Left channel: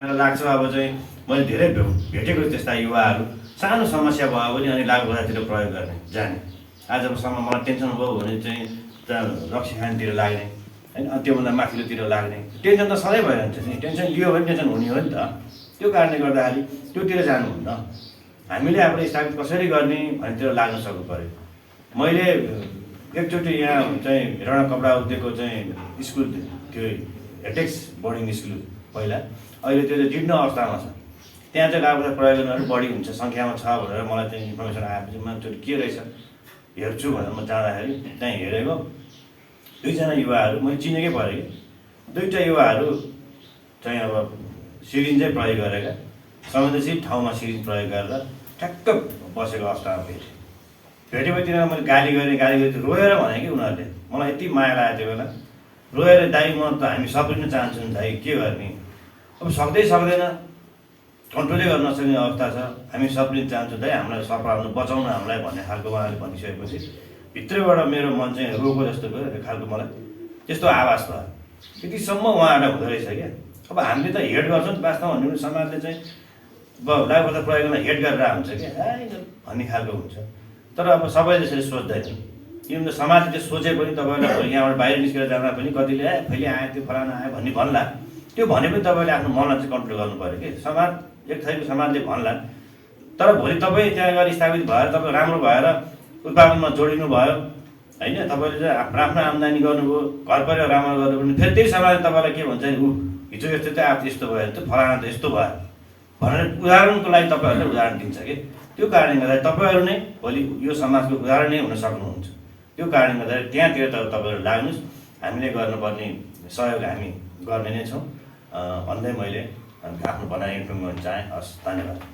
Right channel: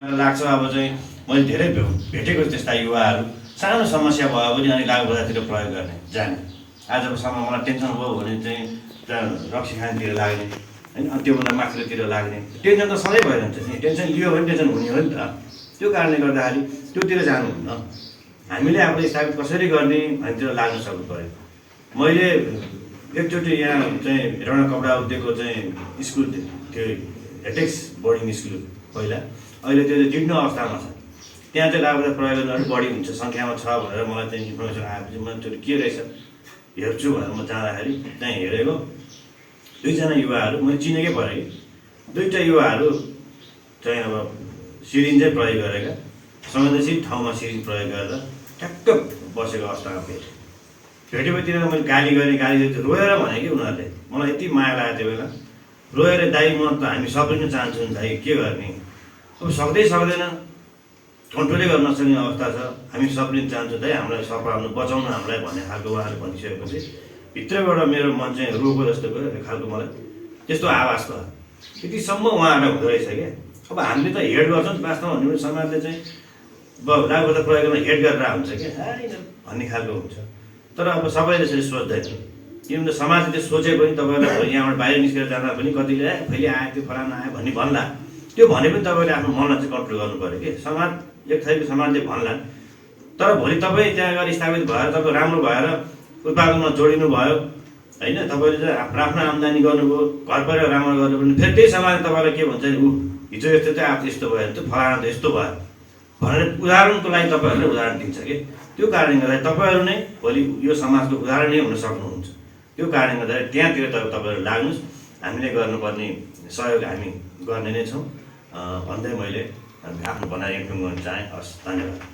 लाग्छ अब चाहिँ मैले धेरै भेटेको त्यस्ता युवाहरू सानो समस्या भयो भने अनि लागु बजारतिर प्रयोग गर्ने जाने। आजसम्म मलाई टेन्सन भयो भने चाहिँ रक्सी खानेतिर लाग्ने होइन, त्योभन्दा माथिल्लोतिर लाग्ने। टेन्सन त सधैँ भइरहन्छ नि, टेन्सन लियो भने टेन्सन हुने हो नि त। त्यो कारणले गर्दाखेरि त्योतिर जानुहुन्न। हामीले आफूले स्थापित कसरी गर्ने भन्नेतिर लाग्न सक्नु पऱ्यो। मैले एकचोटि यहाँ चाहिँ रण कपडा उद्योगको चाहिँ स्कुल थियो, हेटेक्स बोर्डिङ स्कुल पहिला, अहिले त्यो चाहिँ जीर्ण अवस्थामा छ। त्यहाँ चाहिँ लागु प्रयोग गर्नु बढी हुन्छ सङ्ख्यामा छ भनेर मलाई चाहिँ इन्फर्मेसन आएपछि म त्यो के रहेछ हेर्छु भनेर म जाँदाखेरि त्यहाँ हेरेको दुईजना युवाहरू मैले चिनेकै परेँ कि दुईवटा युवाहरू चाहिँ अब सिरिन्जै प्रयोग गरेका संवेदनशील ठाउँमा सिरिन्ज प्रयोग गरेर ठ्याक्क बसेको अवस्थामा भेटेपछि तिनीहरू मैले गाली गरेँ रोएर भने कि उनीहरूले मलाई यति माया लाग्यो त्यो बेला रोएर दाइ म त हामी सबै नै चाहन्छौँ दाइ के गर्ने अब सक्दैन कन्ट्रोलै गर्न नसक्ने अवस्था छ, हामी सबले चाहन्छौँ दाइ हामीलाई सफाउनु बचाउनु हामीलाई भन्ने खालको उहाँले भनिसकेपछि भित्रैबाट मेरो मन चाहिँ रोको जस्तो भयो खालको मलाई त्यस्तो आवाज भयो। त्यतिसम्म उहाँहरूलाई हुँदो रहेछ क्या। अब हामीले त हेड गर्छौँ नि वास्तवमा भन्ने समाजले चाहिँ लागु प्रयोग गर्न हेड गरेर हुन्छ क्या भन्ने खालको हुन्छ। तर अब सबैले त्यसरी सोच्दैन। किन त समाजले त्यो सोचे पनि तपाईँलाई यहाँबाट बाहिर निस्केर जाँदा पनि कतिले फेरि आयो त्यो फलाना आयो भन्ने भन्ला, त्यो भने पनि तपाईँले आफ्नो मनलाई चाहिँ कन्ट्रोल गर्नु पऱ्यो कि। समाज एक थरीको समाजले भन्ला, तर भोलि तपाईँ त्यहाँ गएर स्थापित भएर तपाईँ राम्रो भएर उत्पादनमा जोडिनु भयो होइन, तपाईँले चाहिँ आफ्नो आम्दानी गर्नुभयो, घर परिवार राम्रो गर्नुभयो, फेरि त्यही समाजले तपाईँलाई के भन्छ ऊ हिजो यस्तो चाहिँ आज यस्तो भयो त्यो फलाना त यस्तो भयो भनेर उदाहरणको लागि तपाईँहरूले उदाहरण दिन्छ कि। त्यो कारणले गर्दा तपाईँहरू नै भोलि यो समाजको उदाहरण नै हुन सक्नुहुन्छ। त्यो कारणले गर्दाखेरि त्यहाँतिर तपाईँहरू लाग्नुहोस्, हामीले गर्नुपर्ने सहयोग हामी गर्ने नै छौँ भन्दै मैले आफ्नो भनाइ गर्न चाहेँ। हस्, धन्यवाद।